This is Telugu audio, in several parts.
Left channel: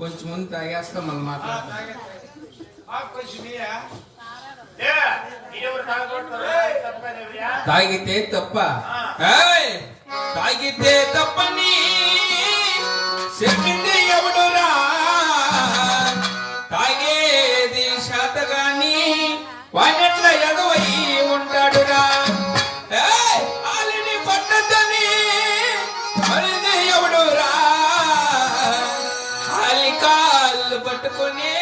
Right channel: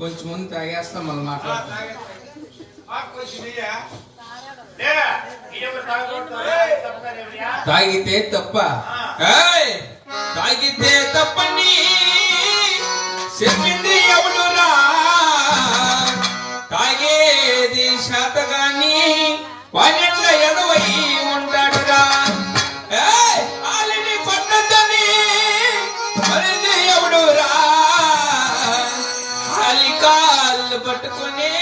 కొంచెం ముందు తాగేస్తాం మళ్ళీ మాట్లాడతాం. తాగితే తప్ప తాగితే తప్పని చెప్పింది ఎవడురా? తాగేది శాతగాని వానెట్ల ఎడవై ఉంటాడురా? ఆలిని కొట్టద్దని మరిది ఎవడురా? ఆలి కాళ్ళు పట్టుకుని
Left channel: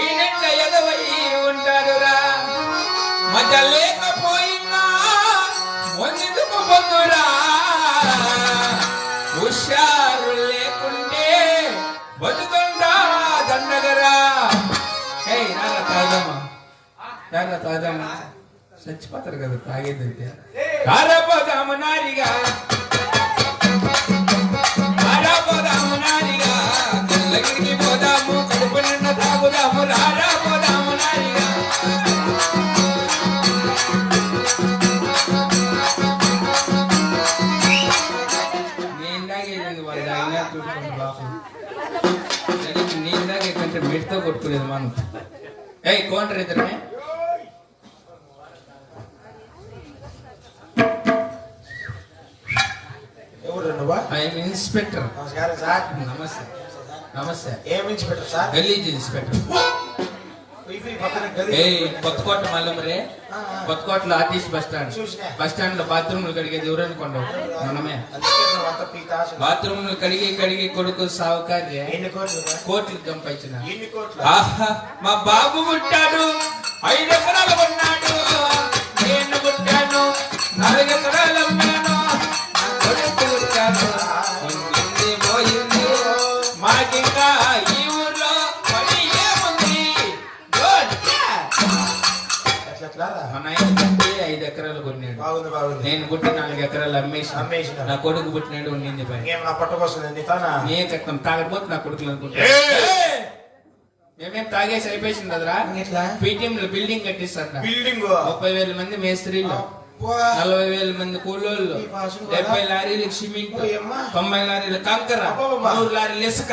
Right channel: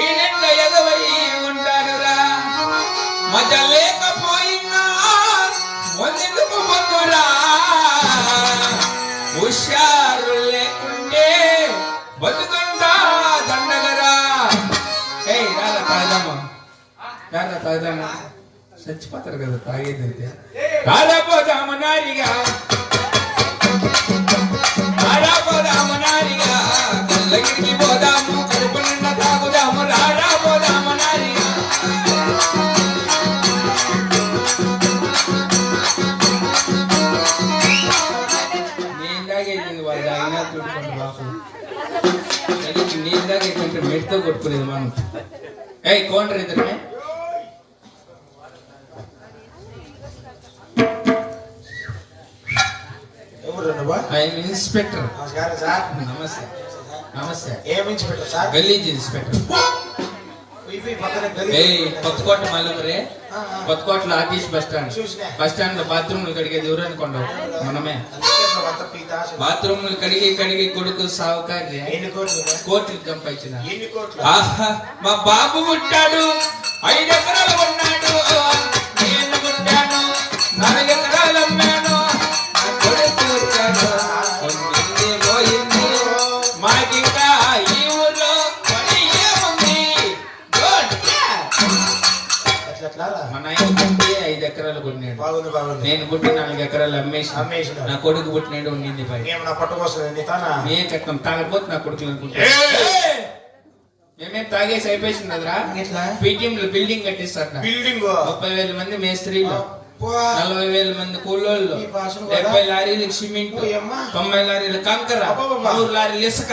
ఈయనెట్ల ఎగవై ఉంటాడురా? మజ లేకపోయినా ముందుకు బంధురా? హుషారు లేకుంటే బతుకుందా దండగరా? రాగా తాగమ్మా, చచ్చిపోతారు కదా తాగేదంటే. రారాపోదాము నారిగా, రారాపోదాము నారిగా, కళ్ళగిరికి పోదాము, కడుపు నిండా తాగుదాము. రారాపోదాము నారిగా. నేను తాగేది వాళ్ళు తాగినా చూసుకోండి బాబు. నేను తాగేదంటే మెట్తో కొట్టుకునేది మనం. కౌంటర్ ఇద్దరమే ఇన్స్పెక్టర్. నమస్తే. నమస్తే. ఏం ఇన్స్పెక్టర్ సార్? గలీజ్ ఇన్స్పెక్టర్. కొత్తకోట మల్లమరే, కొత్తకోటలో ఆర్టీసీ బస్ స్టాండ్ లో బాత్రూమ్లు కడిగేది ఎవరని కొండవు మనమే. బాత్రూమ్లు కడిగి కొడుకు సావుకారి కోట్లు సంపాదించిన. మా బాబు పుట్టాడు, 5 ఎకరాలు ఉన్నాడు. నేను పుట్టాను, 4 ఎకరాలు అమ్మాను. నా కొడుకు పుట్టాడు, పోయింది. మాకింకా ఈ ఊర్లో పని ఏముంది? మా నాయన పుట్టి 5 ఎకరాలు కొన్నాడు. నేను పుట్టి 4 ఎకరాలు అమ్మేసి నా కొడుకు పుట్టినాడు. ఉండింది ఏ చట్టం తాగకపోతే నా కొడుకులు అనుకుంటా. మేమేం తాగేసి అయిపోయింది కదరా. బిల్డింగ్ కట్టిస్తారు. 30,000 మంది మేస్త్రీలు, 40,000 మంది కూలోళ్ళు, 70 లారీలకు సిమెంట్, 90 లారీలు కంకర, 100 లారీలు ఇసుక.